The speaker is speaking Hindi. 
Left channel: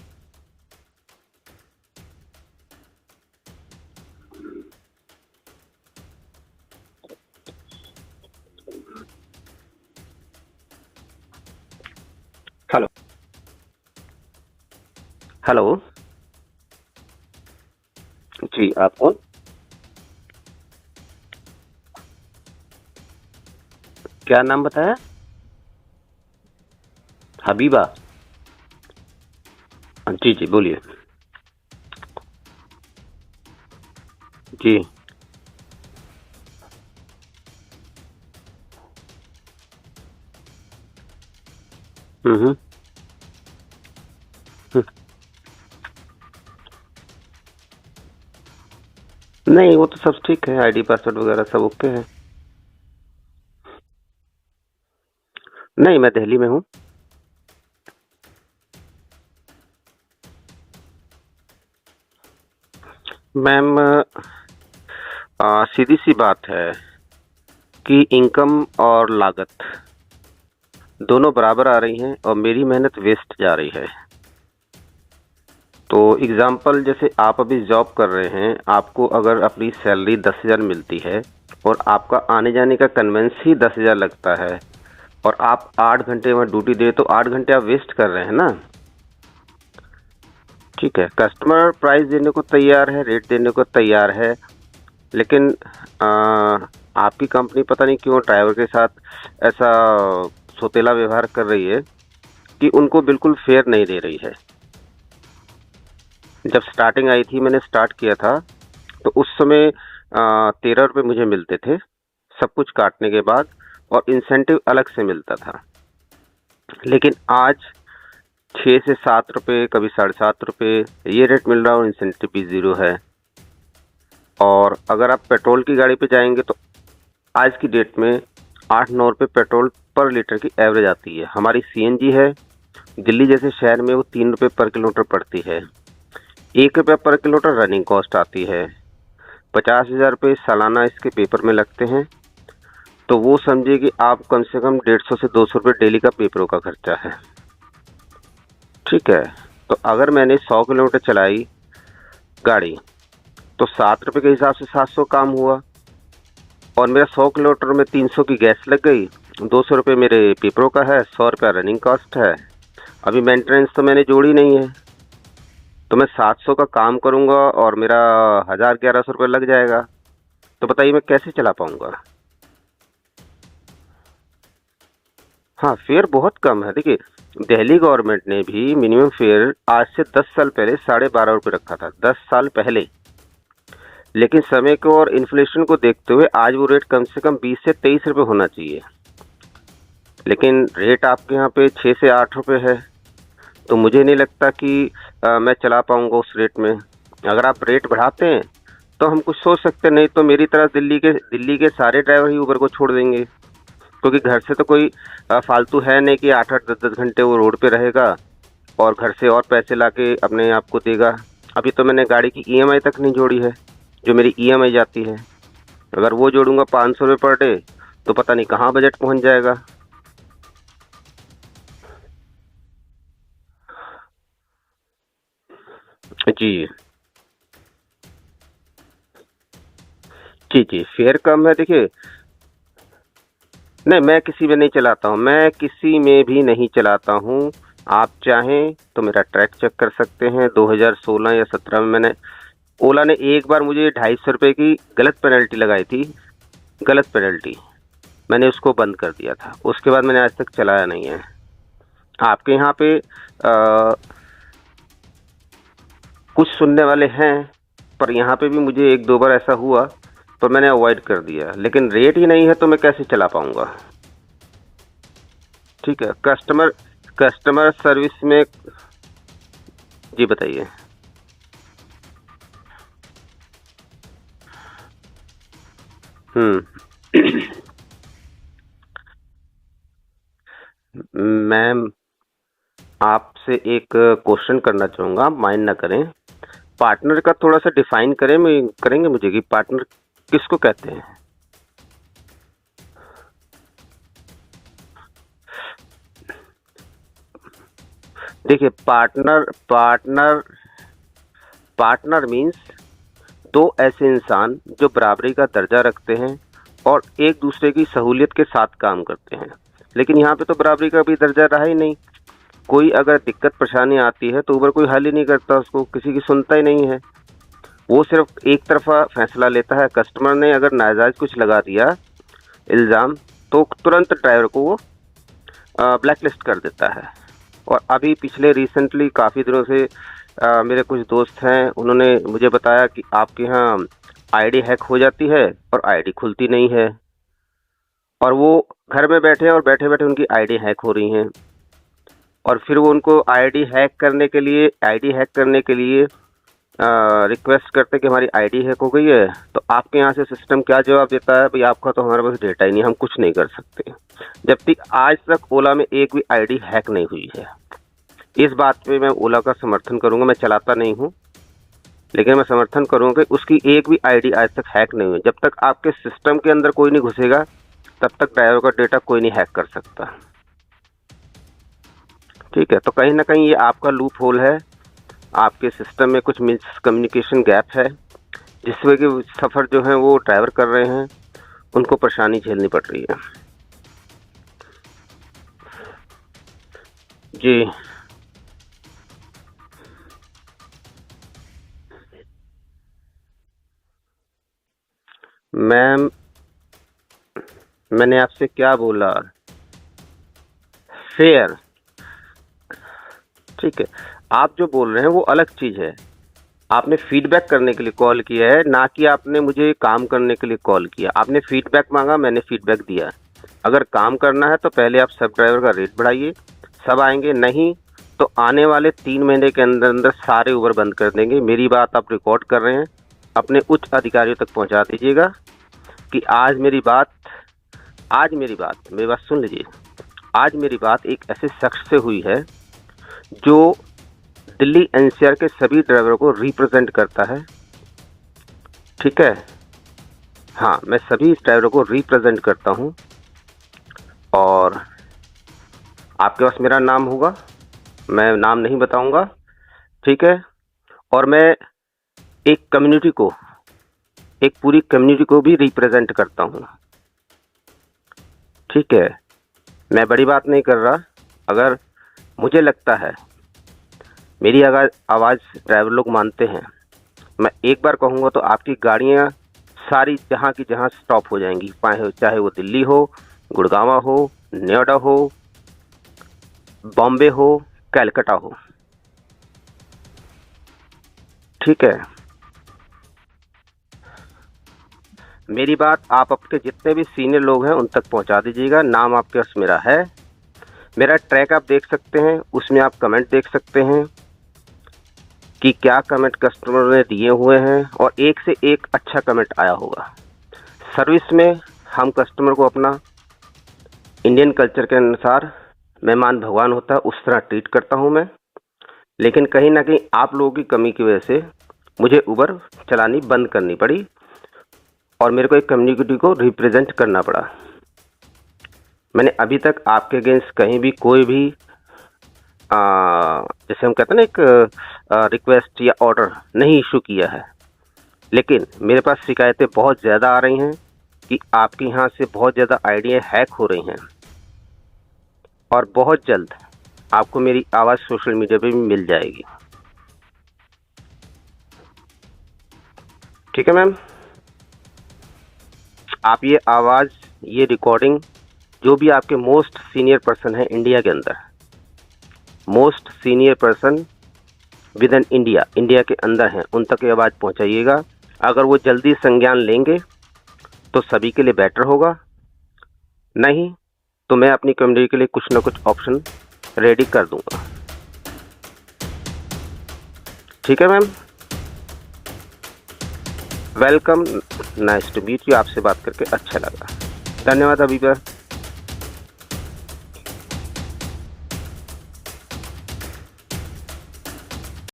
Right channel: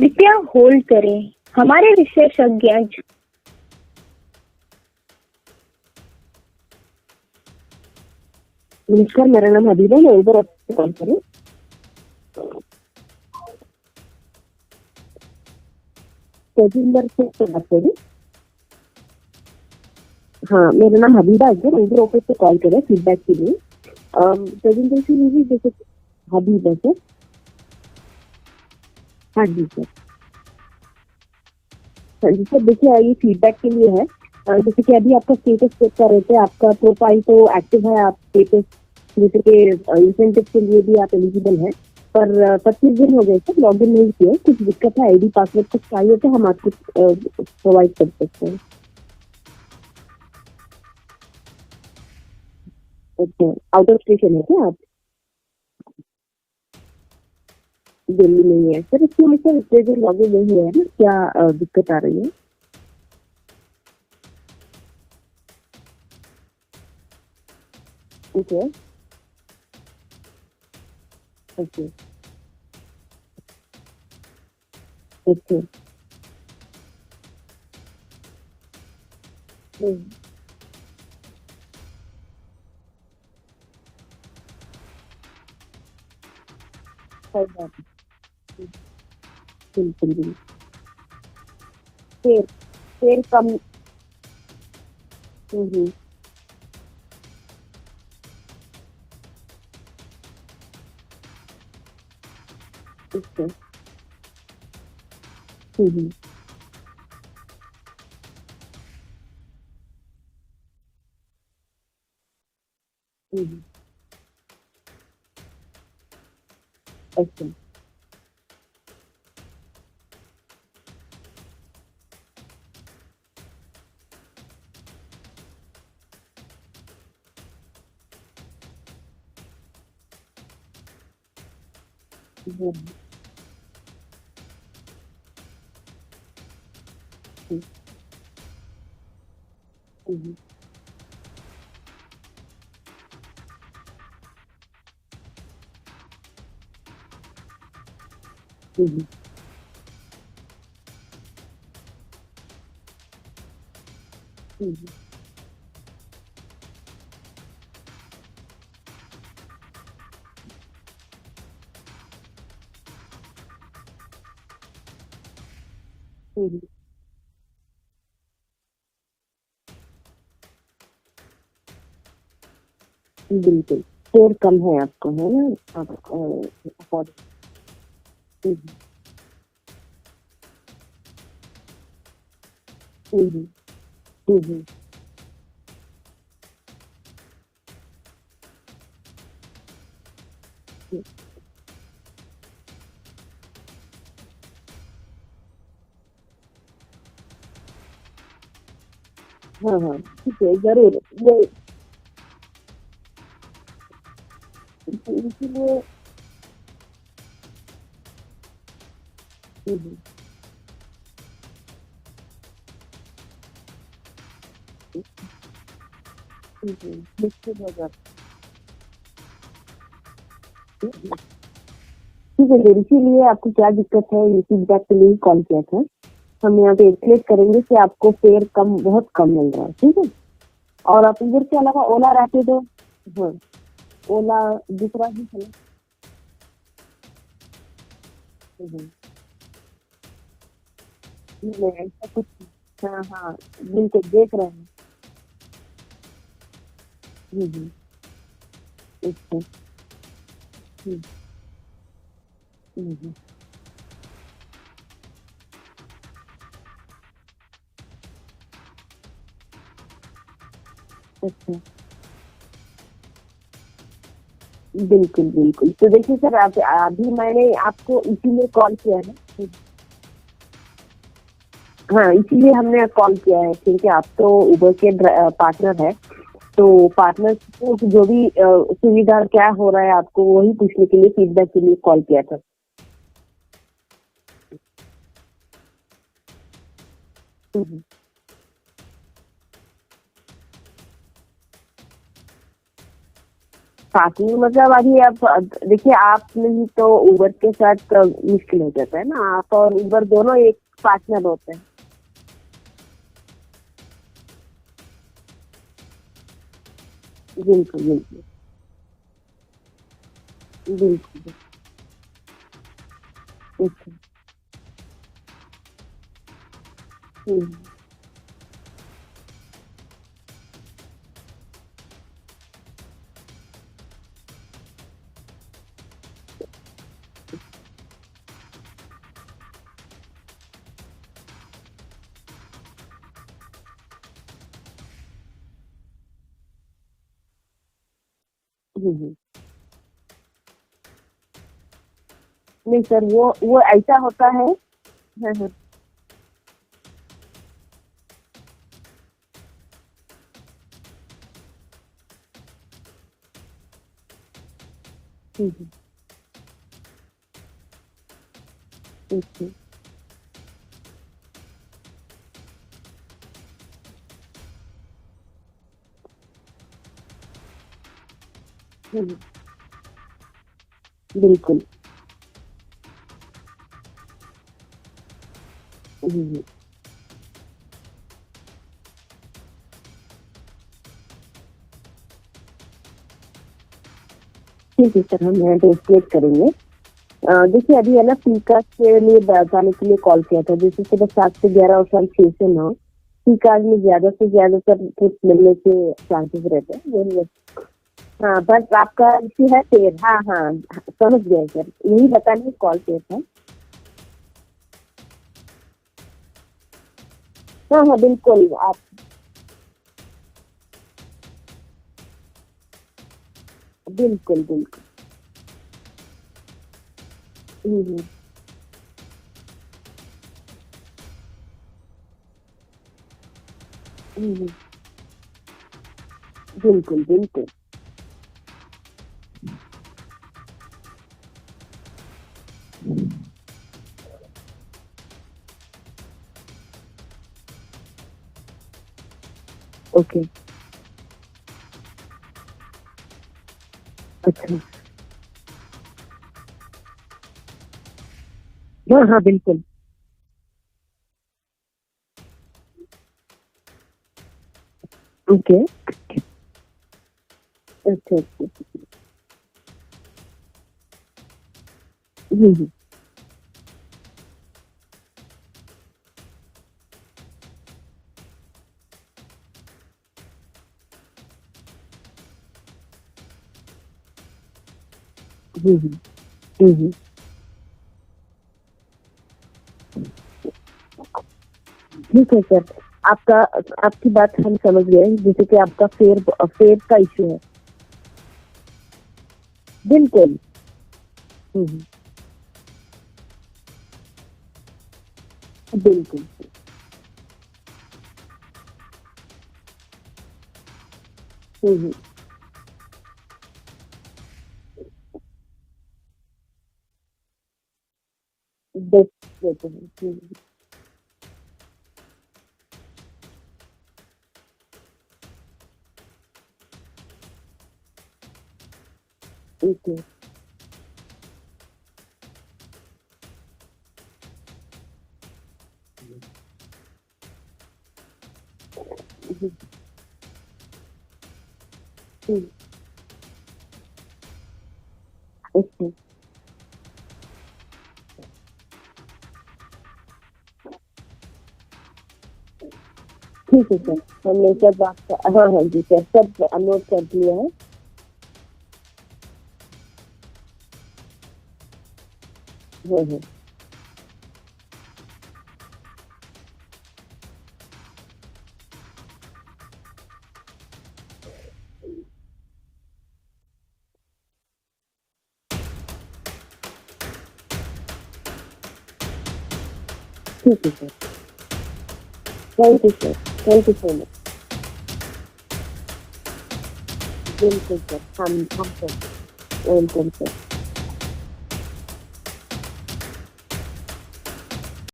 कृपया होल्ड करें, हमारे विशेषज्ञ। नमस्कार, मेरा नाम हबीबा, मैं उबर आपसे कॉल करूं। हेलो हेलो तेजिंदर से बात करूं। जी, आप कौन? हाँ, मेरा नाम हबीबा है, मैं उबर ऑफिस से कॉल कर रहा हूँ फीडबैक के लिए। क्या नाम बताया? जैसे हबीबा सर। हबीबा? हाँ जी सर। जी जी, बोलिए। हाँ जी सर, देखिए ये फीडबैक के लिए है। जी जैसे कि अभी आपका स्टेटस चेक कर रहे थे, आपका प्रोफाइल तो एक्टिव है, आप स्टेटस जैसे के इंसेंटिव के लिए भी आप एलिजिबल है, पर 25 दिन हो गए सर लॉग इन नहीं किया। कुछ दिक्कत है, आईडी पासवर्ड कुछ चाहिए तो हम आपको प्रोवाइड कर सकते हैं। नहीं, वो तो सब ठीक है, आईडी पासवर्ड वगैरह सब ओके है। अच्छा, आउट ऑफ स्टेशन है क्या आप? नहीं, मैं दिल्ली में हूँ। दिल्ली नहीं है सर, इसमें सर इतने दिन लॉग इन नहीं हुआ है ना, क्या दिक्कत आ रही है? मैम, सीधी सी बात है कि इनकम और लागत दोनों बराबर आ रही हैं और मेरी मेहनत वेस्ट जा रही है। तो एग्जाम्पल, जैसे आप अभी जॉब कर रहे हैं, आपको अगर अपनी सैलरी 10,000 मिलती है और आपका आने जाने का कन्वेंस ही 10,000 लगता है और आप 8 घंटे में ड्यूटी दे, तो 8 घंटे आप वेस्ट कर रहे हैं ना। ठीक है, कस्टमर प्राइस देने को तैयार है, रेट देने को तैयार है, लेकिन आपकी कंपनी पता नहीं क्यों ड्राइवर के साथ ऐसा सोतेला व्यवहार कर रही है कि उनको बिल्कुल फेयर नहीं दे रही है। जब स्टार्टिंग आई थी, मैंने स्टार्ट किया था, तो उस समय 13 रुपये मुझे मिलते थे सब कुछ काटने के बाद, और इंसेंटिव अलग से मिलता था। लेकिन आज 6 से 7 रुपये, कभी 7.5 रुपये ये रेट मिल रहा है और इंसेंटिव भी 0 है। और अगर आप पेट्रोल की गाड़ी पे जाएंगे तो आज की डेट में 8-9 रुपये पेट्रोल पर लीटर की एवरेज आती है। हमारी सीएनजी है, दिल्ली जैसे शहर में वो 3 रुपये पर किलोमीटर पड़ती है। 1 रुपया पर किलोमीटर रनिंग कॉस्ट आती है। 50,000 रुपये सालाना इसके पेपर में लगते हैं। तो वो समझिए कि आप कम से कम 150 से 200 रुपये डेली का पेपरों का खर्चा है। ठीक है, तो अगर मैंने 100 किलोमीटर चलाई गाड़ी तो 7 रुपये के हिसाब से 700 काम हुआ, और मेरा 100 किलोमीटर में 300 की गैस लग गई, 200 रुपये मेरे पेपरों का है, 100 रुपया रनिंग कॉस्ट है। अभी मेंटेनेंस तो मैंने जोड़ी नहीं है, तो मैं 700 का काम करूंगा और मेरा 1,000-1,100 रुपये लग जाएगा। तो बताइए मैं कैसे चला पाऊंगा? बिल्कुल फेयर कम है आपको, है ना? हाँ, फेयर बहुत कम है। देखिए, दिल्ली गवर्नमेंट ने भी मिनिमम फेयर आज से 10 साल पहले 12.5 रुपये रखा था, 10 साल पहले। लेकिन समय को और इन्फ्लेशन को देखते हुए आज वो रेट कम से कम 20 से 23 रुपये होना चाहिए, लेकिन रेट आपके यहाँ पे 6 से 8 रुपये है। तो मुझे नहीं लगता कि मैं चला पाऊंगा उस रेट में। अगर आप रेट बढ़ाते हैं तो हम कुछ सोच सकते हैं, नहीं तो मेरी तरह दिल्ली के सारे ड्राइवर ही उबर को छोड़ देंगे, क्योंकि घर से तो कोई फालतू है नहीं कि 8-8, 10-10 घंटे वो रोड पे रहेगा और घर से और पैसे लाके अपने आप को देगा। अभी तो मैंने गाड़ी की ईएमआई तक नहीं जोड़ी है, जो मेरी ईएमआई जाती है। अगर वो जोड़ूंगा 500 रुपये पर डे, तो पता नहीं कहाँ बजट पहुंच जाएगा। ठीक है, इसीलिए आपको क्या दिक्कत है, ये फीडबैक के लिए कॉल किया था। हम यहाँ पे एक्सप्लेन करेंगे कि आपको फेयर कम, बहुत कम मिल रहा है। ठीक है जी जी, फेयर कम है। देखिए, ओला रैपिडो नहीं, मैं किसी में नहीं चलाता हूँ, मैं किसी में भी नहीं चलाता हूँ। आप चाहें तो मेरा ट्रैक चेक कर सकते हैं। 2016 या 17 में मैंने, ओला ने एक बार मुझे 250 रुपये की गलत पेनल्टी लगाई थी, गलत पेनल्टी, मैंने उसको बंद कर दिया था। उसके बाद मैंने आज तक चलाया नहीं है। आपके यहाँ पे कुछ सुनने वाले हैं, पर यहाँ पे भी मुझे 1-2 बार ऐसा हुआ तो मैंने अवॉइड कर दिया। लेकिन रेट ही नहीं है तो मैं कैसे चला पाऊंगा? बिल्कुल बिल्कुल। ठीक है, कस्टमर सर्विस में कॉल किया है। जी बताइए। हाँ, इसीलिए हमने कॉल किया है, क्योंकि आप तो उबर के पार्टनर है, तो पार्टनर को जो भी सुविधा क्या हो रहा है आपको वही पूछने के लिए फीडबैक के लिए कॉल किया था। आपसे एक क्वेश्चन करना चाहूंगा, आप माइंड ना करें। पार्टनर का थोड़ा सा डिफाइन करेंगे मुझे कि पार्टनर किसको कहते हैं? पार्टनर मतलब अभी आप देखिए, आपने ही तो उबर के साथ देखिए, पार्टनर एक पार्टनर होते हैं। पार्टनर मीन्स दो ऐसे इंसान जो बराबरी का दर्जा रखते हैं और एक दूसरे की सहूलियत के साथ काम करते हैं। लेकिन यहाँ पे तो बराबरी का भी दर्जा रहा ही नहीं। कोई अगर दिक्कत परेशानी आती है तो उबर कोई हल ही नहीं करता, उसको किसी की सुनता ही नहीं है। वो सिर्फ एक तरफा फैसला लेता है। कस्टमर ने अगर नाजायज कुछ लगा दिया इल्ज़ाम, तो तुरंत ड्राइवर को वो ब्लैकलिस्ट कर देता है। और अभी पिछले रिसेंटली काफ़ी दिनों से मेरे कुछ दोस्त हैं, उन्होंने मुझे बताया कि आपके यहाँ आईडी हैक हो जाती है और आईडी खुलती नहीं है, और वो घर में बैठे हैं और बैठे बैठे उनकी आईडी हैक हो रही हैं। और फिर वो उनको आईडी हैक करने के लिए रिक्वेस्ट करते कि हमारी आईडी हैक हो गई है। तो आपके यहाँ से सिस्टम क्या जवाब देता है, भाई आपका तो हमारे पास डेटा ही नहीं, हम कुछ नहीं कर सकते। जबकि आज तक ओला में एक भी आईडी हैक नहीं हुई है। इस बात पे मैं ओला का समर्थन करूंगा। मैं चलाता नहीं हूँ, लेकिन मैं समर्थन करूंगा कि उसकी एक भी आईडी आज तक हैक नहीं हुई। जब तक आपके सिस्टम के अंदर कोई नहीं घुसेगा, तब तक ड्राइवर का डेटा कोई नहीं हैक कर सकता। बिल्कुल ठीक है, तो कहीं ना कहीं ये आपका लूप होल है, आपके सिस्टम में कुछ मिसकम्युनिकेशन गैप है, जिस वजह के सफ़र जो है वो ड्राइवर कर रहे हैं, उनको परेशानी झेलनी पड़ रही है। ठीक है सर, हम ट्रांसलेट करेंगे। देखिए, अभी है ना फीकास के लिए जाने के लिए कॉल किया था, जैसे सुबह 7 से 11 और शाम 6 से 9। फीकास में ज्यादा से ज्यादा सर कुछ मिलने के चांसेस रहते हैं। मैंने आपसे क्या बोला है फेयर? हाँ फेयर, यही बताने कॉल किया था। ठीक है, आप जो बोल रहे हैं वो अलग चीज है। आपने फीडबैक करने के लिए कॉल किया है, ना कि आपने मुझे काम करने के लिए कॉल किया। आपने फीडबैक मांगा, मैंने फीडबैक दिया। अगर काम करना है तो पहले आप सब ड्राइवर का रेट बढ़ाइए, सब आएंगे। नहीं तो आने वाले 3 महीने के अंदर अंदर सारे उबर बंद कर देंगे। मेरी बात आप रिकॉर्ड कर रहे हैं, अपने उच्च अधिकारियों तक पहुंचा दीजिएगा कि आज मेरी बात सुन लीजिए। आज मेरी बात एक ऐसे शख्स से हुई है जो दिल्ली एनसीआर के सभी ड्राइवरों को रिप्रेजेंट करता है। ठीक है, ओके। हाँ, मैं सभी ड्राइवरों को रिप्रेजेंट करता हूँ। और आपके पास मेरा नाम होगा, मैं नाम नहीं बताऊंगा। ठीक है, और मैं एक कम्युनिटी को, एक पूरी कम्युनिटी को भी रिप्रेजेंट करता हूँ। ठीक है, मैं बड़ी बात नहीं कर रहा। अगर मुझे लगता है मेरी आवाज़ ड्राइवर लोग मानते हैं, मैं एक बार कहूँगा तो आपकी गाड़ियाँ सारी जहाँ की जहाँ स्टॉप हो जाएंगी, चाहे वो दिल्ली हो, गुड़गांव हो, नोएडा हो, बॉम्बे हो, कलकत्ता हो। ठीक है सर, आपकी बात हम समझ गए। जैसे कि मेरी बात आप आपके जितने भी सीनियर लोग हैं उन तक पहुंचा दीजिएगा। नाम आपके पास मेरा है, मेरा ट्रैक आप देख सकते हैं, उसमें आप कमेंट देख सकते हैं कि क्या कमेंट कस्टमर ने दिए हुए हैं, और एक से एक अच्छा कमेंट आया होगा। सर्विस में हम कस्टमर को अपना इंडियन कल्चर के अनुसार, मेहमान भगवान होता है, उस तरह ट्रीट करता हूं मैं। लेकिन कहीं ना कहीं आप लोगों की कमी की वजह से मुझे उबर चलानी बंद करनी पड़ी और मेरे को एक कम्युनिटी को रिप्रेजेंट करना पड़ा। मैंने अभी तक आपके अगेंस्ट कहीं भी कोई भी जैसे हम कहते हैं ना एक रिक्वेस्ट या ऑर्डर नहीं इशू किया है। लेकिन मेरे पास शिकायतें बहुत ज़्यादा आ रही हैं कि आपके यहाँ से बहुत ज़्यादा आइडिया हैक हो रही हैं, और बहुत जल्द आपको मेरी आवाज़ सोशल मीडिया पे भी मिल जाएगी। ठीक है मैम, आप ये आवाज़, ये रिकॉर्डिंग, जो भी आपके मोस्ट सीनियर पर्सन है इंडिया के अंदर, most senior person with in India के अंदर हैं, उन तक ये आवाज़ पहुंचाइएगा। अगर वो जल्दी संज्ञान लेंगे तो सभी के लिए बेटर होगा, नहीं तो मैं अपनी कम्युनिटी के लिए कुछ ना कुछ ऑप्शन रेडी कर दूंगा। ठीक है ma'am, thank you sir, welcome, nice to meet you. आपसे बात करके अच्छा लगा, धन्यवाद अभी। Welcome sir.